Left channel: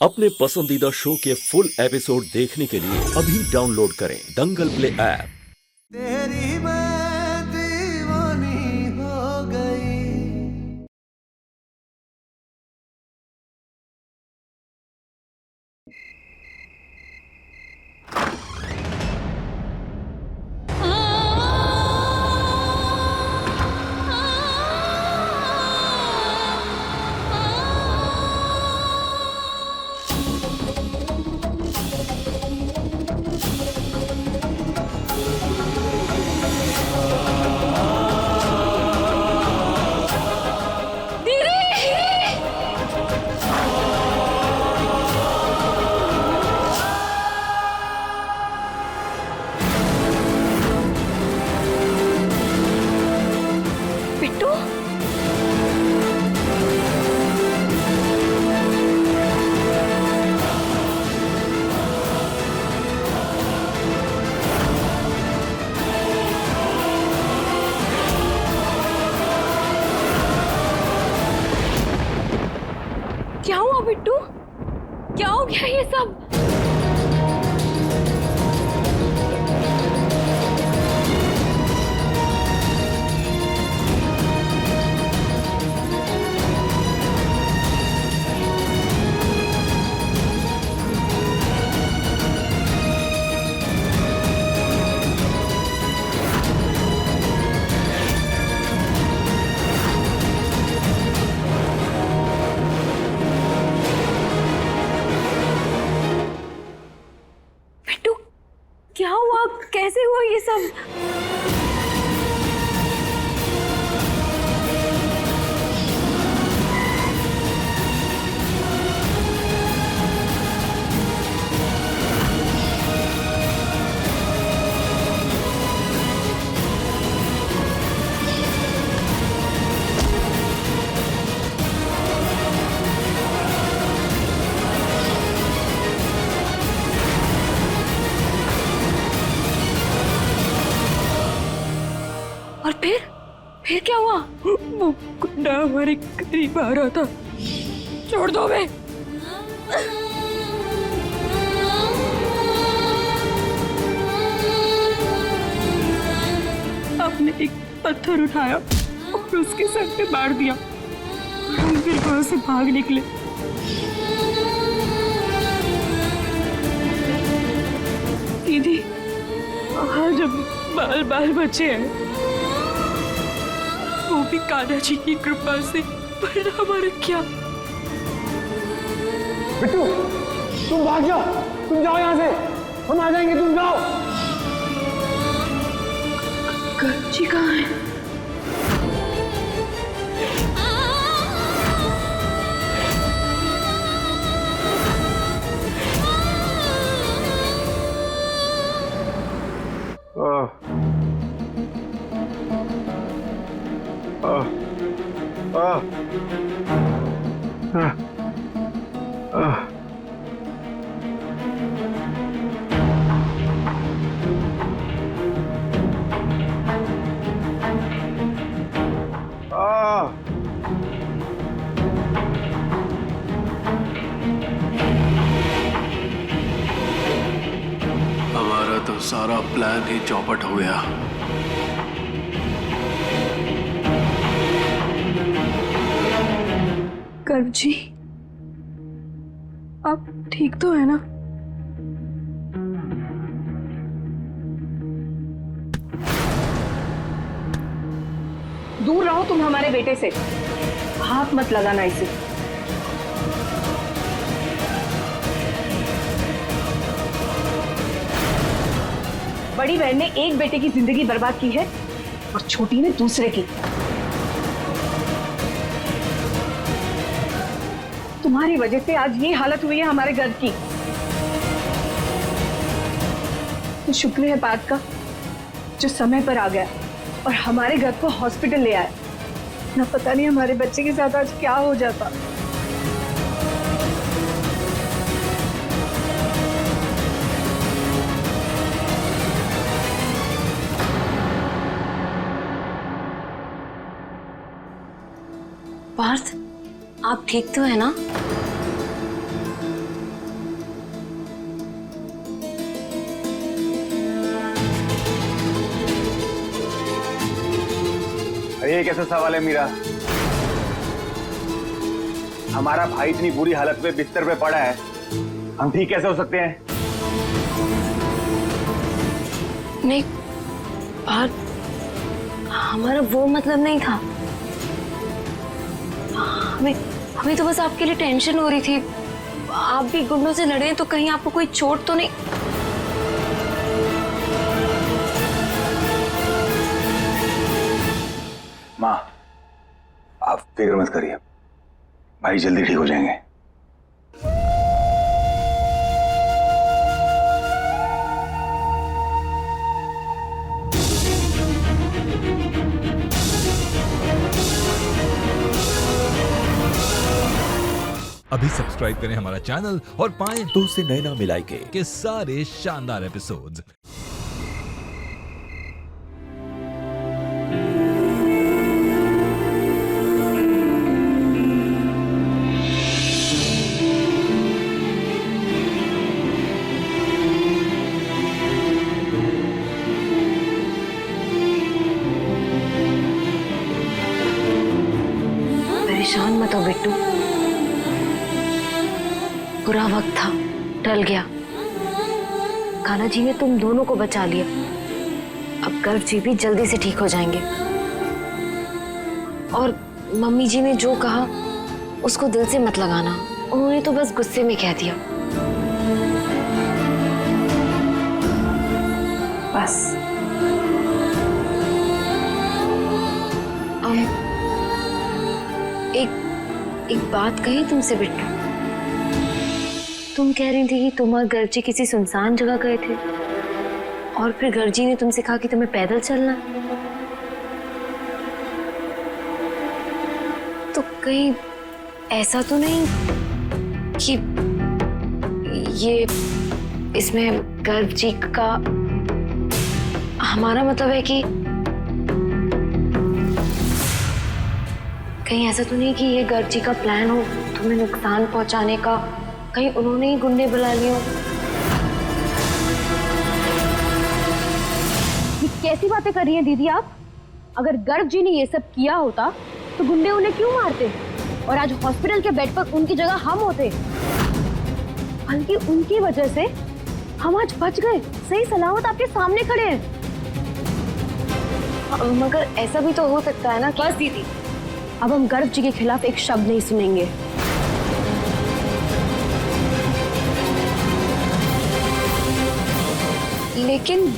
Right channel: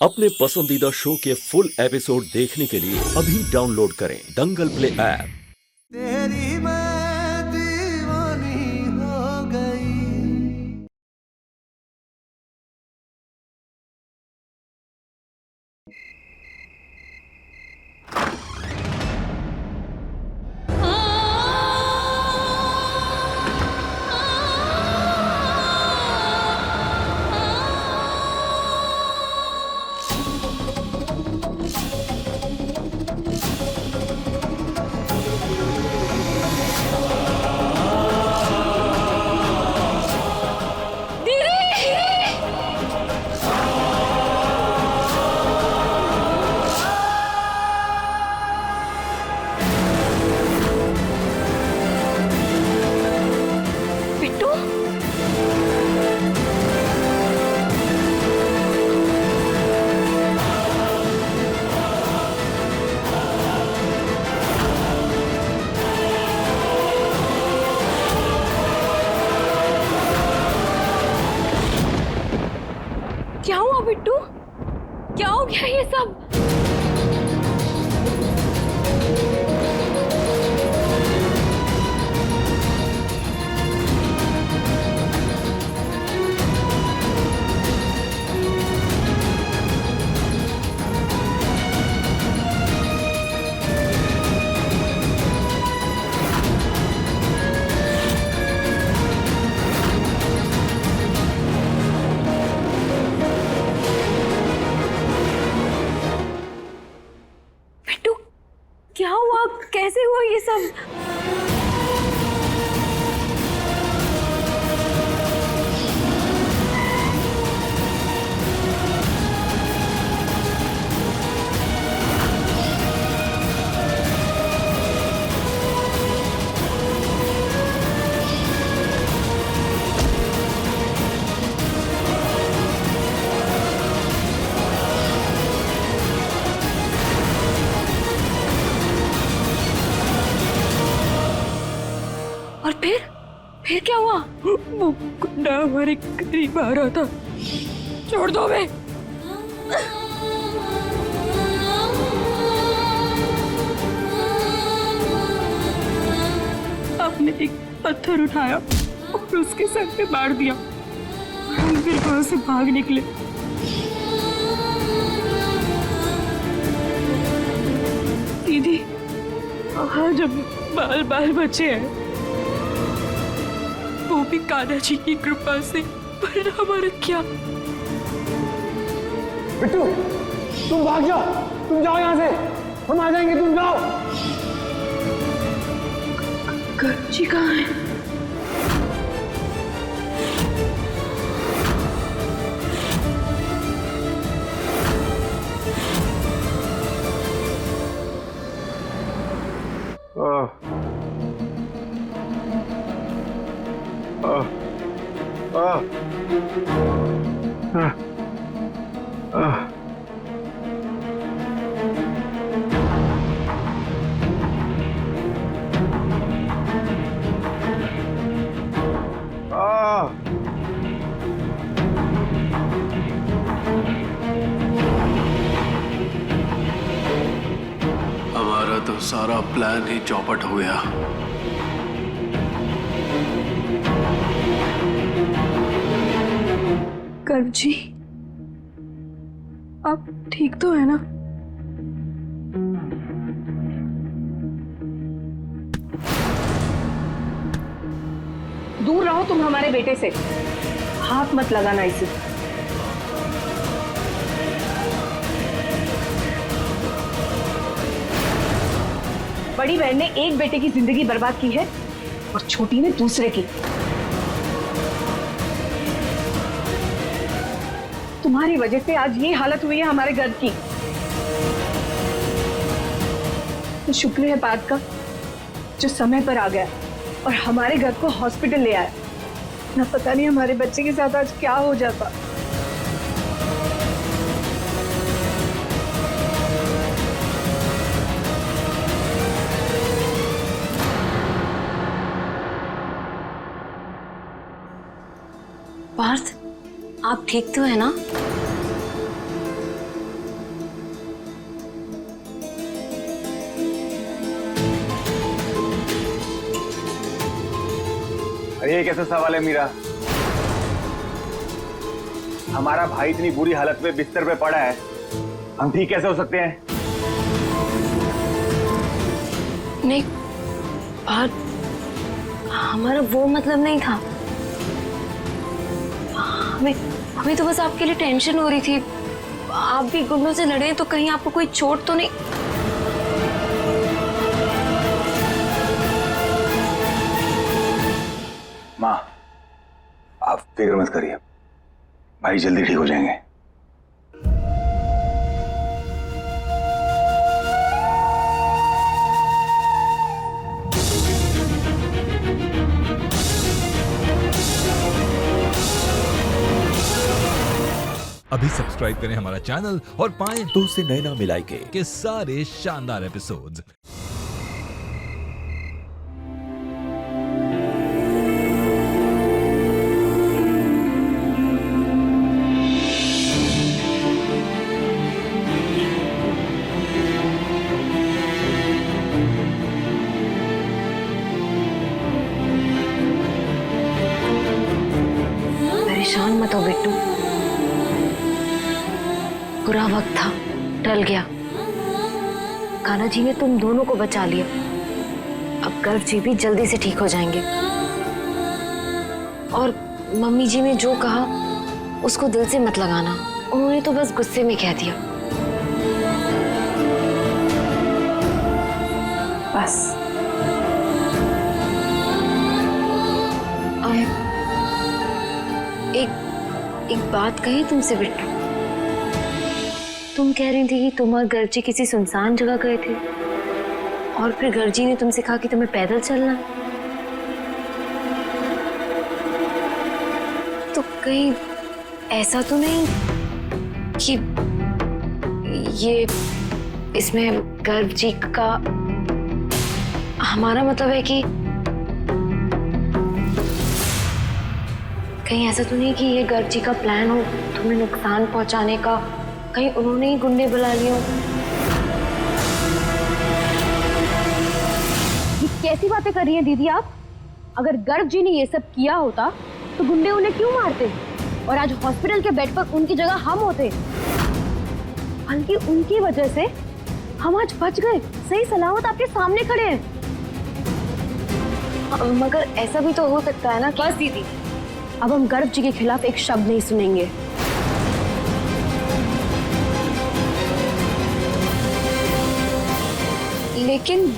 अपने पसंदीदा शो के फुल एपिसोड देखने के लिए अभी डाउनलोड करें दंगल प्ले ऐप। तेरी मैं दीवानी हो गई। बिट्टू, क्या हुआ बिट्टू? क्या हो गया ये सब? बिट्टू, क्या हुआ? कैसे हुआ ये सब? और फिर क्या हुआ? वो गुंडा हमारे करीब आ रहा था। छोड़ दो बे। आपने एक पत्थर उठाया और उसके सर पे मार दिया और हम फिर वहां से भाग निकले। दीदी, आज हम बाल बाल बचे हैं, वो भी कान्हा जी की कृपा से। पर हमारा क्या? बिट्टू, तुम भाग जाओ, तुम जाओ यहाँ से, हम आ जाएंगे, तुम जाओ। करुण जी कहाँ है? हमारा तो सारा प्लान ही चौपट हो गया। करुण जी, आप ठीक तो है ना? दूर रहो तुम हमारे बेटे से, हाथ मत लगाना इसे। बड़ी बहन ने एक बेटे की जिंदगी बर्बाद की है और छोटी ने दूसरे की। तुम्हारी वजह से आज ये हालत हुई है हमारे घर की। तो शुक्र है बात का जो समय पर आ गया और हमारे घर को हॉस्पिटल ले आया, ना पता नहीं हमारे बच्चे के साथ आज क्या हो जाता। पार्थ, आप ठीक तो है ना? अरे ये कैसा सवाल है मीरा? हमारा भाई इतनी बुरी हालत में बिस्तर पे पड़ा है, हम ठीक कैसे हो सकते हैं? नहीं बात, हमारा वो मतलब नहीं था। हमें तो बस आपके लिए टेंशन हो रही थी। आप भी गुंडों से लड़े तो कहीं आपको कोई चोट तो नहीं? माँ, आप फिक्र मत करिए, भाई जल्दी ठीक हो जाएंगे। अभी सब्सक्राइब करें हमारा चैनल और पाएं तुझसे नैना मिलाई के सारे शानदार एपिसोड्स। परेशान मत हो बिट्टू, बुरा वक्त था, टल गया। कान्हा जी ने तुम दोनों को बचा लिया। अब गर्व जी भी जल्दी से ठीक हो जाएंगे। और मम्मी जी ने जो कहा उसको दिल से मत लगाना, उन्होंने तो बस गुस्से में कह दिया। बस एक बात कही तुमसे बिट्टू। तुम कह रही थी कि तुम और गर्जी किसी सुनसान जगह गए थे और फिर गर्जी ने तुमसे कहा कि तुम्हें पैदल चलना है। तो कहीं ऐसा तो नहीं कि ये इसमें गर्जी का हमारा मतलब है कि कहीं ऐसा तो नहीं कि ये गर्जी का प्लान हो तुम्हें नुकसान पहुंचाने का? कहीं उन्होंने ही गुंडे बुला लिए हो? ये कैसी बातें कर रही हैं दीदी आप? अगर गर्व जी ने ये सब किया होता तो गुंडे उन्हें क्यों मारते और आज हॉस्पिटल के बेड पर उनकी जगह हम होते। बल्कि उनकी वजह से हम आज बच गए, सही सलामत आपके सामने खड़े हैं। मगर ऐसा भी तो हो सकता है ना कि... बस दीदी, अब हम गर्व जी के खिलाफ एक शब्द नहीं सुनेंगे। लेकिन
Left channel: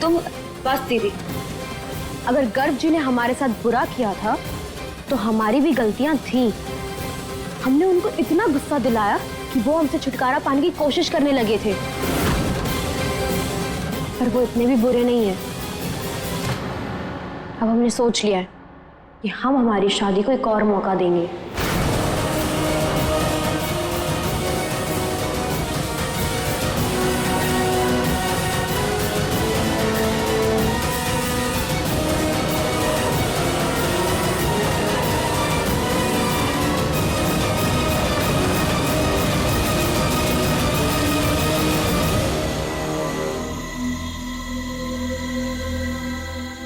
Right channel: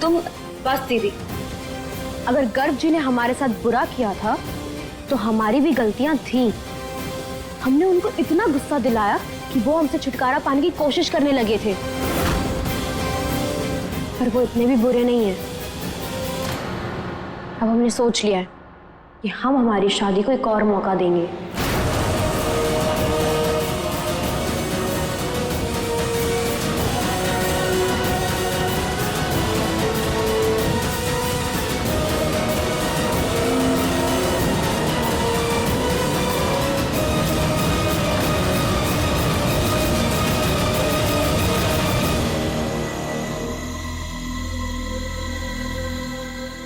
तुम... बस दीदी, अगर गर्व जी ने हमारे साथ बुरा किया था तो हमारी भी गलतियां थी। हमने उनको इतना गुस्सा दिलाया कि वो हमसे छुटकारा पाने की कोशिश करने लगे थे, पर वो इतने भी बुरे नहीं हैं। अब हमने सोच लिया है कि हम हमारी शादी को एक और मौका देंगे।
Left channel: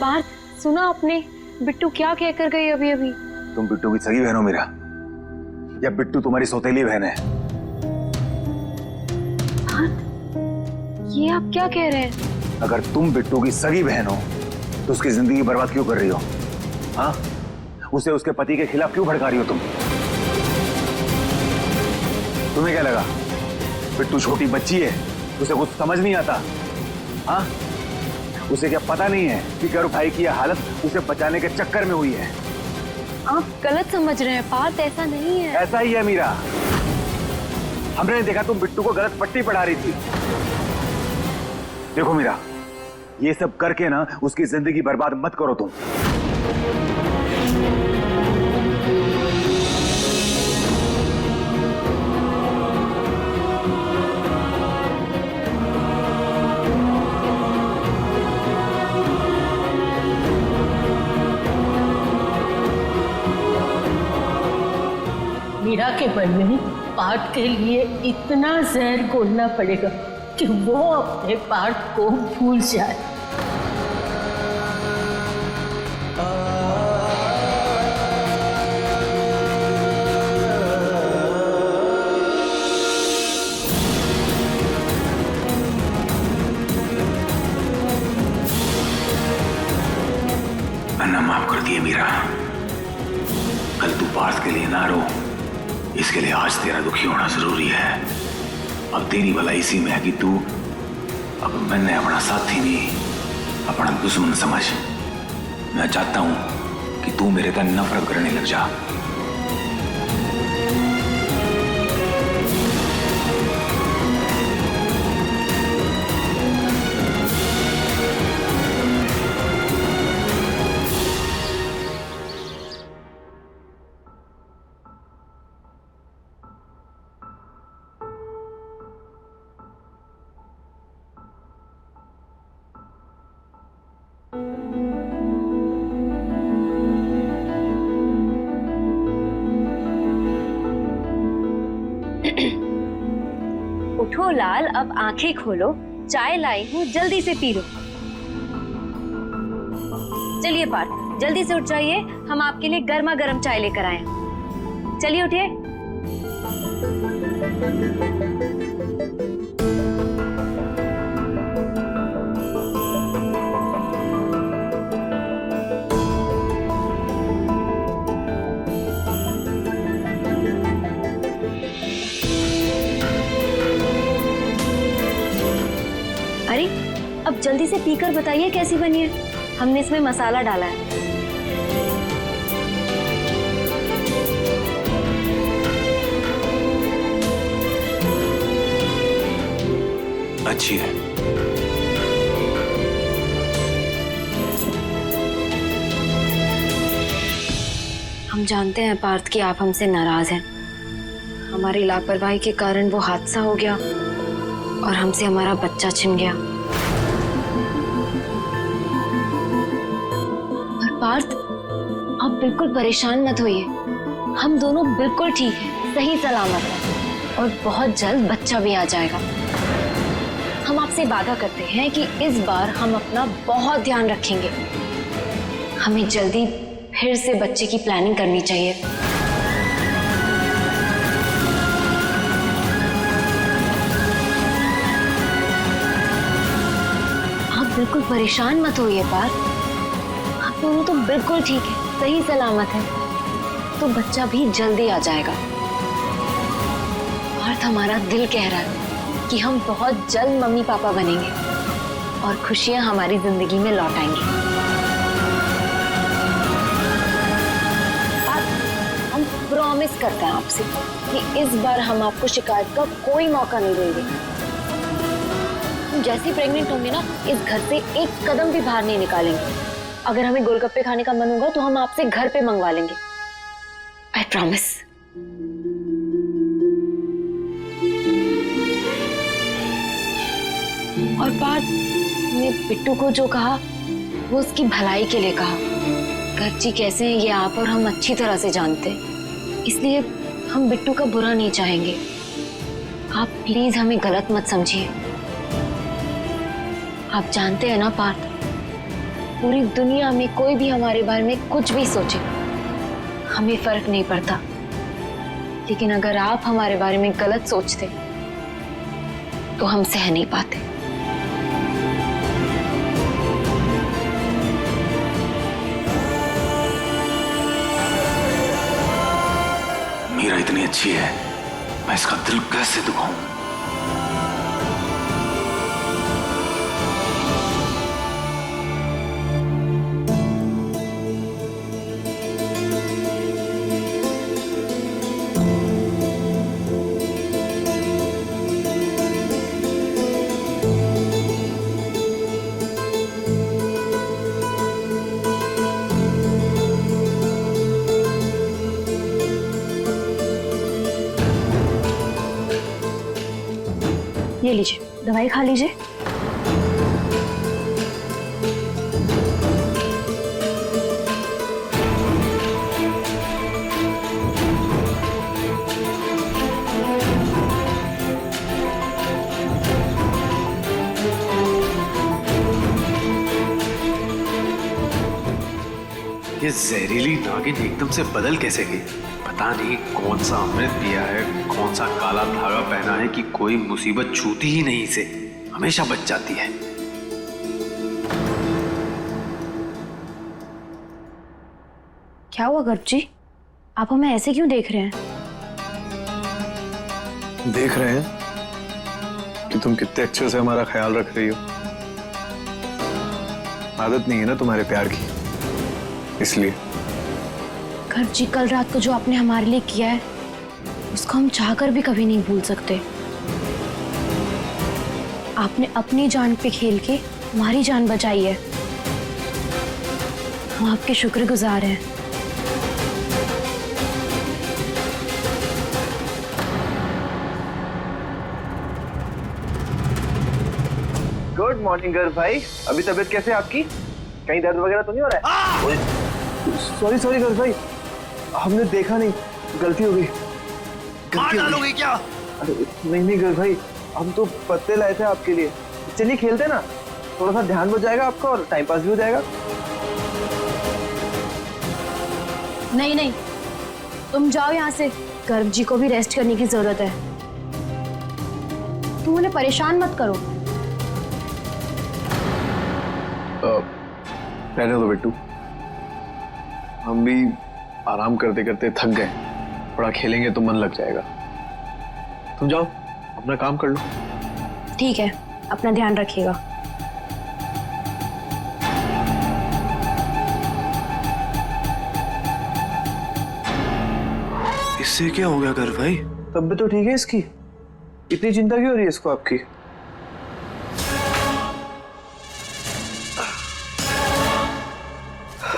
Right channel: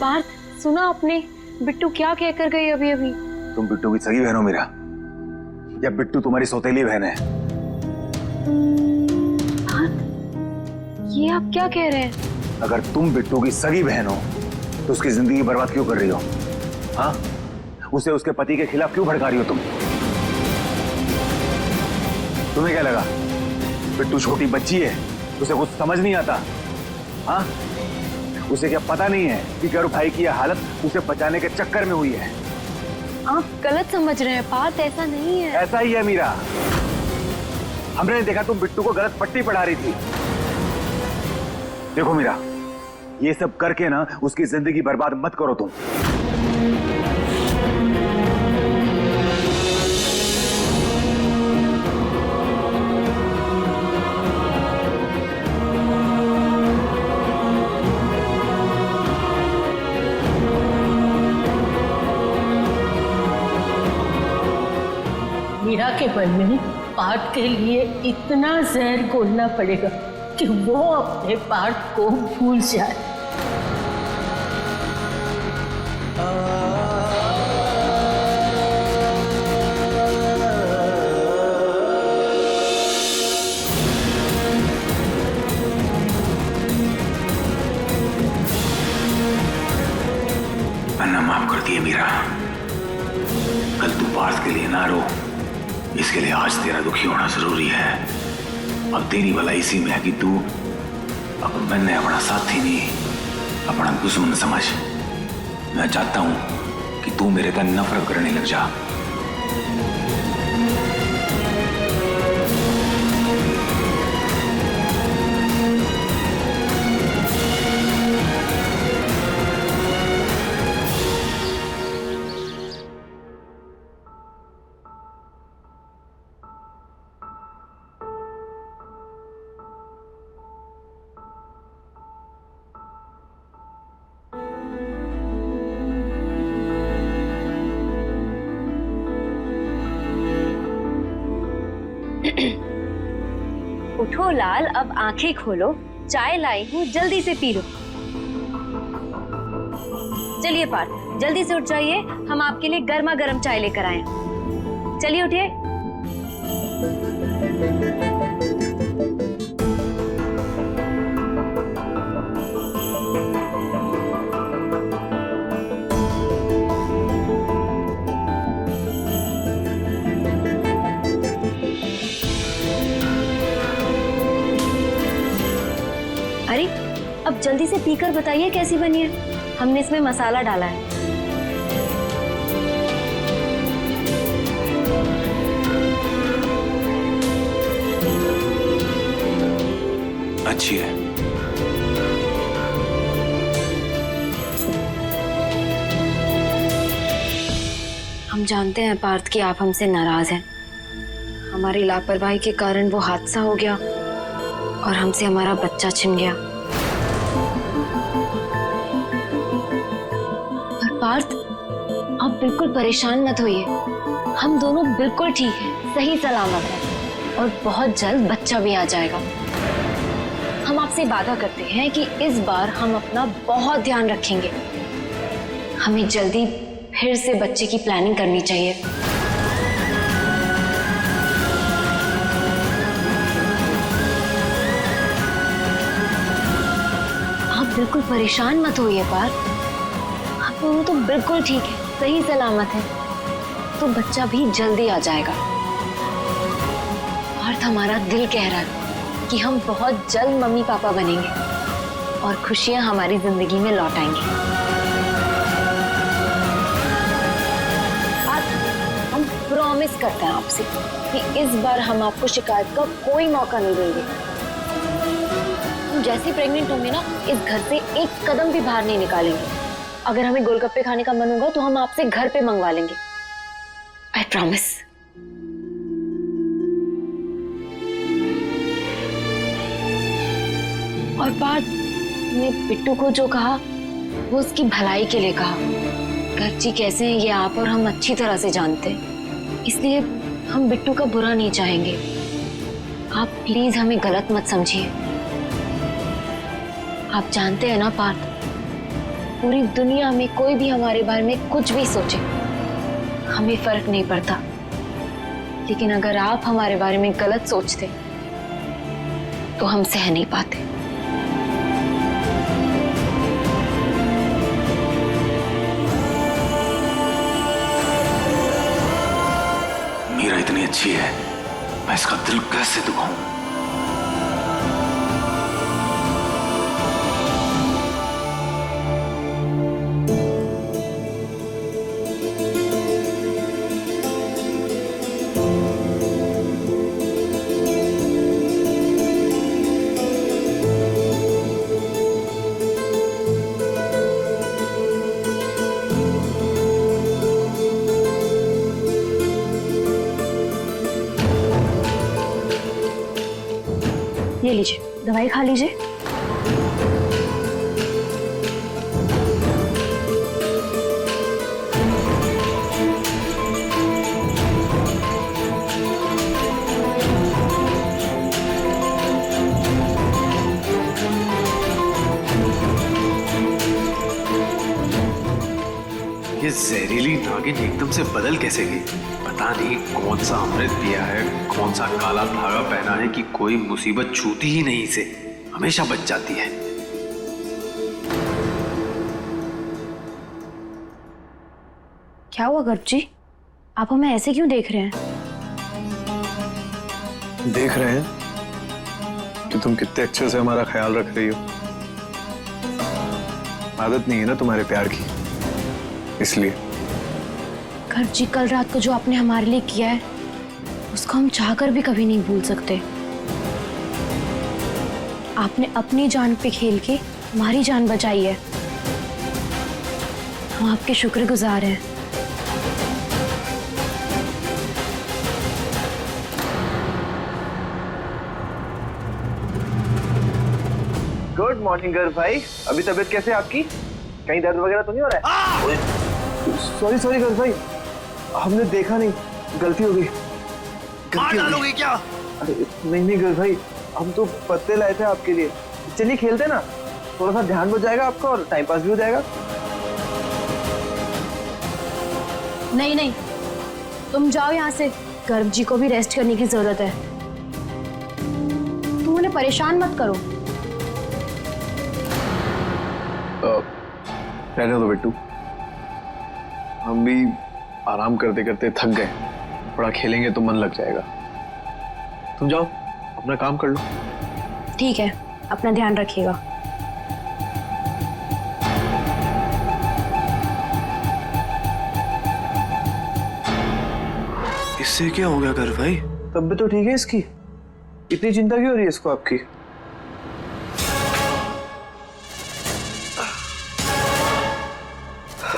पार्थ, सुना आपने बिट्टू क्या कहकर गई अभी अभी? तुम बिट्टू की सगी बहन हो मीरा, या बिट्टू तुम्हारी सौतेली बहन है? ये आप क्या कह रहे हैं? अगर तुम बिट्टू की सगी बहन हो तो उसकी जिंदगी बर्बाद क्यों कर रही हो? हाँ, उसे उसके पति के खिलाफ क्यों भड़का रही हो तुम? तुम्हें क्या लगा बिट्टू छोटी बच्ची है, उसे कुछ समझ नहीं आता? हाँ, उसे क्या पता नहीं है कि गर्व भाई की यह हालत उसे बचाने के चक्कर में हुई है? आप गलत समझ रहे हैं पार्थ, ऐसा नहीं है। ऐसा ही है मीरा, हमने देखा तुम बिट्टू को गलत पट्टी पढ़ा रही थी। देखो मीरा, ये सब करके ना उसकी जिंदगी बर्बाद मत करो तुम। मीरा के मन में पार्थ के लिए इतना जहर घोलना पड़ेगा कि वो अपने पार्थ को भूल जाए। ना माफ कर दिए मीरा। कल तू पार्थ के लिए ना रो, इसके लिए आज तेरा दुखी होना जरूरी है। अब तेरी भलाई इसी में है कि तू अब मैंने अपना साथी नहीं, अपना दुश्मन समझ। मैं चाहता हूं कि तू मेरे तन नफरत करने लग जा। उठो लाल, अब आंखें खोलो, चाय लाई हूँ, जल्दी से पी लो। चलिए पार्थ, जल्दी से उठ जाइए, हम आपके लिए गर्मा गर्म चाय लेकर आए हैं। चलिए उठिए। अरे अब जल्दी से पीकर बताइए कैसी बनी है। हमने इसमें मसाला डाला है। अच्छी है। हम जानते हैं पार्थ कि आप हमसे नाराज हैं। हमारी लापरवाही के कारण वो हादसा हो गया और हमसे हमारा बच्चा छिन गया। पर पार्थ, आप बिल्कुल परेशान मत होइए। हम दोनों बिल्कुल ठीक हैं, सही सलामत हैं और बहुत जल्द बच्चा भी आ जाएगा। हम आपसे वादा करते हैं कि इस बार हम अपना बहुत ध्यान रखेंगे। हमें जल्दी फिर से बच्चे की प्लानिंग करनी चाहिए। आप बिल्कुल परेशान मत होइए पार्थ, आप दोनों तो बिल्कुल ठीक है, सही सलामत है, तो बच्चा भी जल्दी आ जाएगा। पार्थ, हमारा दिल कह रहा है कि हम बहुत जल्द मम्मी पापा बनेंगे और खुशियां हमारी जिंदगी में लौट आएंगी। हम प्रॉमिस करते हैं आपसे कि इस बार हम आपको शिकायत का कोई मौका नहीं देंगे। हम जैसे प्रेग्नेंट होंगे ना, इस घर से एक कदम भी बाहर नहीं निकालेंगे। अगर हमें गोलगप्पे खाने का मन होगा तो हम आपसे घर पे मंगवा लेंगे। I promise. और पार्थ ने बिट्टू को जो कहा वो उसकी भलाई के लिए कहा। गर्जी कैसे हैं ये आप और हम अच्छी तरह से जानते हैं, इसलिए हम बिट्टू का बुरा नहीं चाहेंगे। आप प्लीज हमें गलत मत समझिए। आप जानते हैं ना पार्थ, पूरी दुनिया में कोई भी हमारे बारे में कुछ भी सोचे, हमें फर्क नहीं पड़ता। लेकिन अगर आप हमारे बारे में गलत सोचते तो हम सह नहीं पाते। मीरा इतनी अच्छी है, मैं इसका दिल कैसे दुखाऊं? ये लीजिए, दवाई खा लीजिए। ये जहरीली नागिन एकदम से बदल कैसे गई? पता नहीं कौन सा अमृत पिया है, कौन सा काला धागा पहना है कि कोई मुसीबत छूती ही नहीं इसे, हमेशा बच जाती है। क्या हुआ गर्भ जी? आप हमें ऐसे क्यों देख रहे हैं? देख रहे हैं कि तुम कितने अच्छे से हमारा ख्याल रख रही हो। आदत नहीं है ना तुम्हारे प्यार की, इसलिए। गर्भ जी, कल रात को जो आपने हमारे लिए किया है उसको हम चाहकर भी कभी नहीं भूल सकते। आपने अपनी जान पे खेल के हमारी जान बचाई है। हम आपके शुक्रगुजार हैं। गुड मॉर्निंग गर्भ भाई, अभी तबीयत कैसे है आपकी? कहीं दर्द वगैरह तो नहीं हो रहा है? सॉरी सॉरी गर्भ भाई, हमने देखा नहीं, गलती हो गई। मार डालोगे क्या? अरे नहीं गर्भ भाई, हम तो पत्ते लाए थे आपके लिए। चलिए खेलते ना, थोड़ा सा ध्यान हो जाएगा आपका और टाइम पास भी हो जाएगा। नहीं नहीं, तुम जाओ यहाँ से। गर्भ जी को भी रेस्ट करने की जरूरत है। तुम उन्हें परेशान मत करो। रहने दो बिट्टू, हम भी आराम करते करते थक गए। थोड़ा खेलेंगे तो मन लग जाएगा। तुम जाओ अपना काम कर लो। ठीक है, अपना ध्यान रखिएगा। इससे क्या हो गया गर्भ भाई? तबीयत तो ठीक है इसकी, इतनी चिंता क्यों हो रही है इसको आपकी?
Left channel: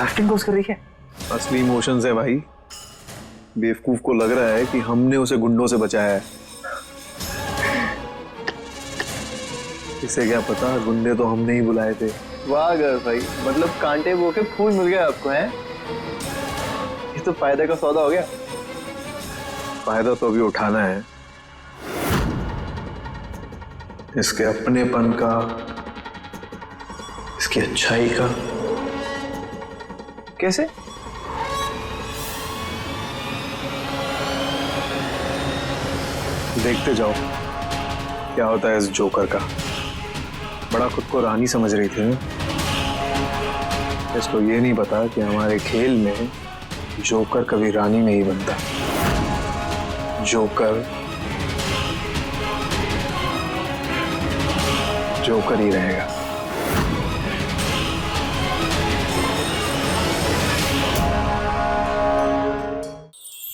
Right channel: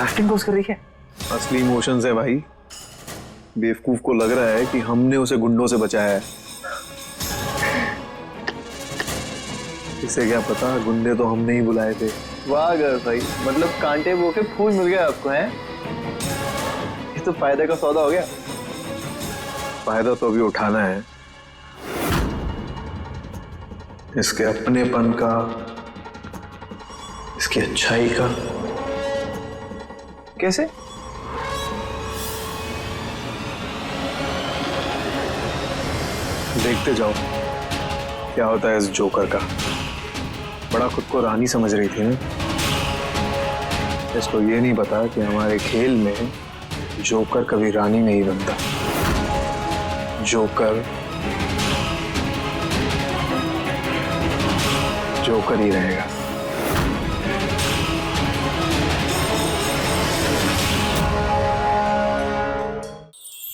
एक्टिंग कोर्स कर रही है। असली इमोशंस है भाई। बेवकूफ को लग रहा है कि हमने उसे गुंडों से बचाया है। इसे क्या पता, गुंडे तो हमने ही बुलाए थे। वाह गर्भ भाई, मतलब कांटे बो के फूल मिल गया आपको, हैं? ये तो फायदे का सौदा हो गया। फायदा तो अभी उठाना है, इसके अपनेपन का, इसकी अच्छाई का। कैसे? देखते जाओ क्या होता है इस जोकर का। बड़ा खुद को रानी समझ रही थी ना। इसको ये नहीं पता कि हमारे खेल में जोकर कभी रानी नहीं बनता। जोकर जोकर ही रहेगा।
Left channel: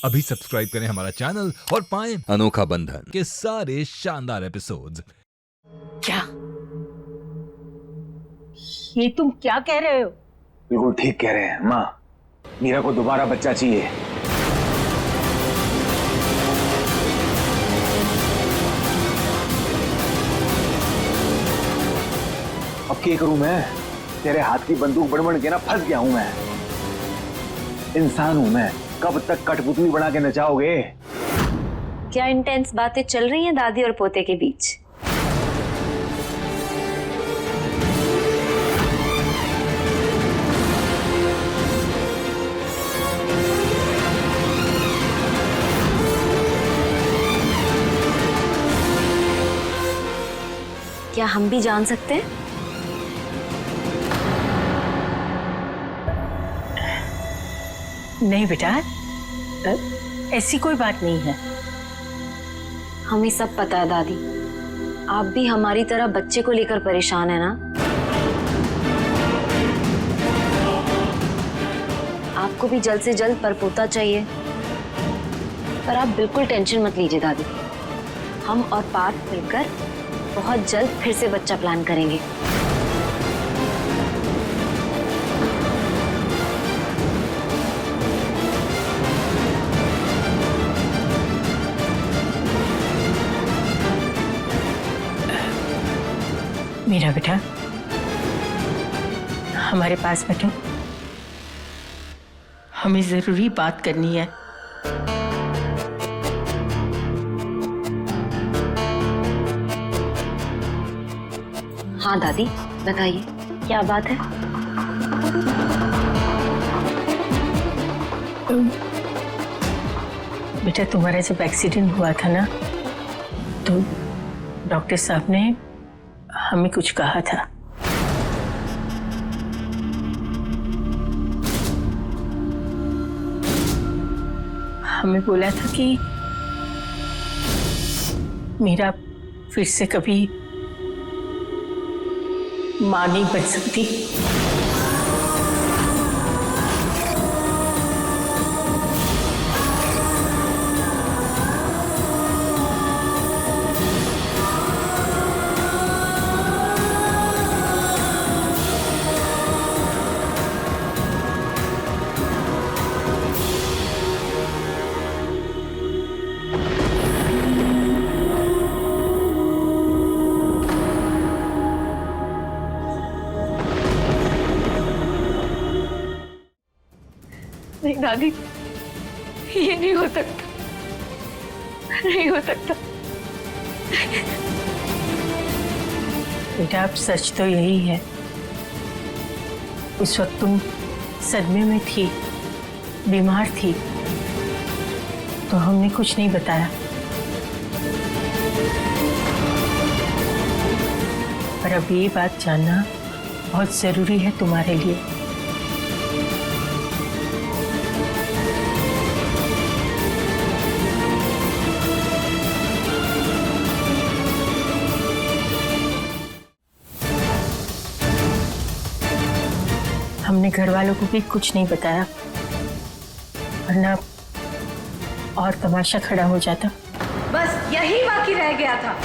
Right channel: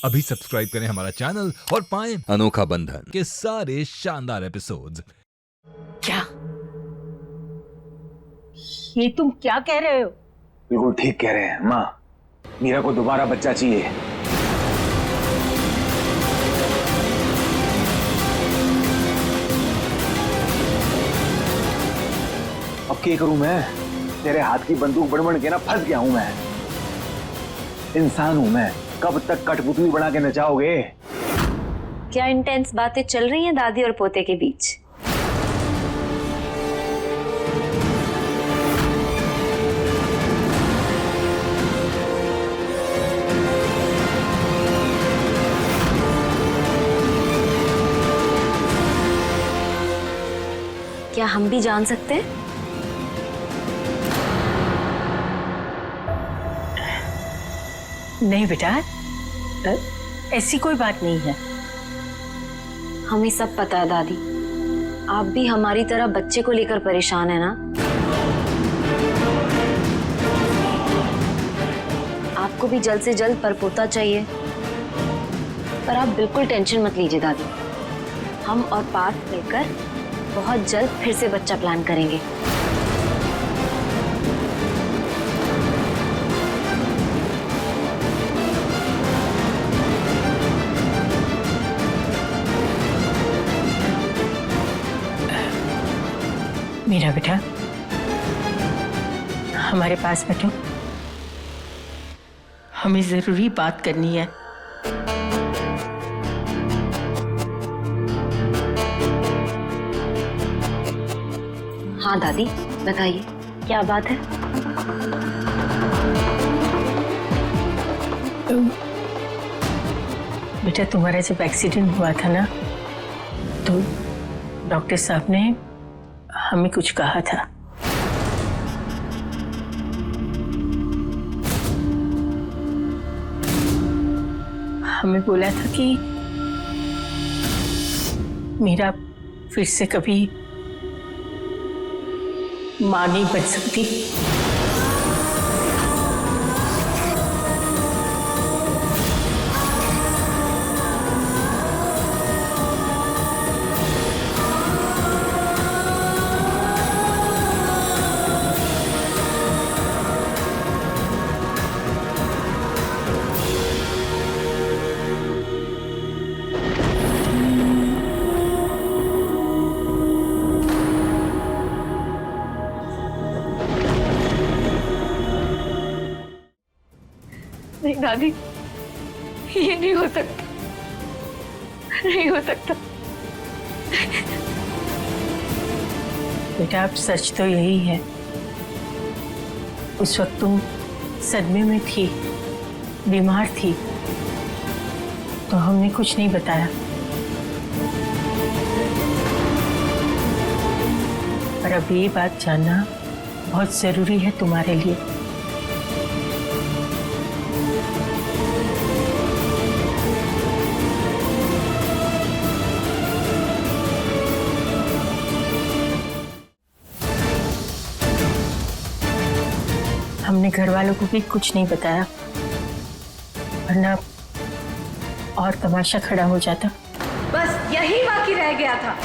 अभी सब्सक्राइब करें हमारा चैनल और पाएं अनोखा बंधन के सारे शानदार एपिसोड्स। क्या ये तुम क्या कह रहे हो? बिल्कुल ठीक कह रहे हैं माँ, मीरा को दोबारा बच्चा चाहिए। अब क्या करूं मैं? तेरे हाथ की बंदूक बन के ना फंस गया हूं मैं। इंसान हूं मैं, कब तक कठपुतली बना के नचाओगे? क्या इंटेंस बातें चल रही हैं दादी और पोते के बीच? क्या हम भी जान सकते हैं? नहीं बेटा, ऐसी कोई बात नहीं है। हमें सब पता है दादी, आप भी हमारी तरह बच्चे को लेकर परेशान है ना? आपको भी जल्द से जल्द परपोता चाहिए। पर आप बिल्कुल टेंशन मत लीजिए दादी, हम और पार्थ मिलकर बहुत जल्द फिर से बच्चा प्लान करेंगे। मीरा बेटा, हमारे पास बैठो, हमें जरूरी बात करनी है। हाँ दादी, बताइए क्या बात है? बेटा, तुम्हारा जब एक्सीडेंट हुआ था ना, तो डॉक्टर साहब ने हमें कुछ कहा था। हमें बोला था कि मीरा फिर से कभी मां नहीं बन सकती। नहीं दादी, ये नहीं हो सकता, नहीं हो सकता। बेटा अब सच तो यही है, उस वक्त तुम सदमे में थी, बीमार थी, तो हमने कुछ नहीं बताया। पर अब ये बात जानना बहुत जरूरी है तुम्हारे लिए। हमने घर वालों को भी कुछ नहीं बताया, वरना और तमाशा खड़ा हो जाता। बस यही बाकी रह गया था।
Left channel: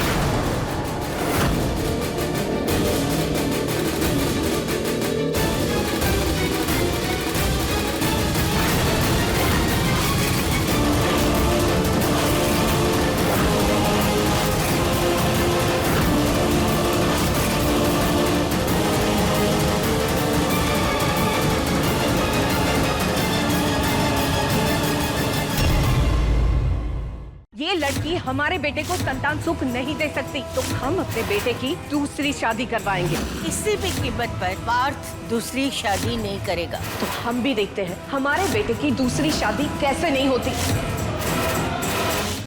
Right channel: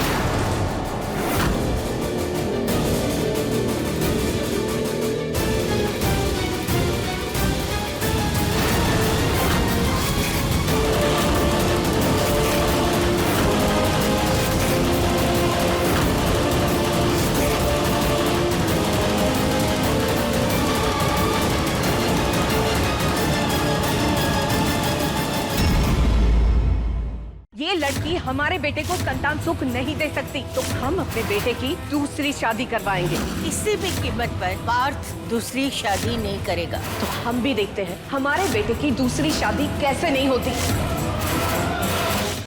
ये लड़की हमारे बेटे को संतान सुख नहीं दे सकती, तो हम अपने बेटे की दूसरी शादी करवाएंगे। किसी भी कीमत पर पार्थ दूसरी शादी नहीं करेगा। तो हम भी देखते हैं हमारे बेटे की दूसरी शादी कैसे नहीं होती।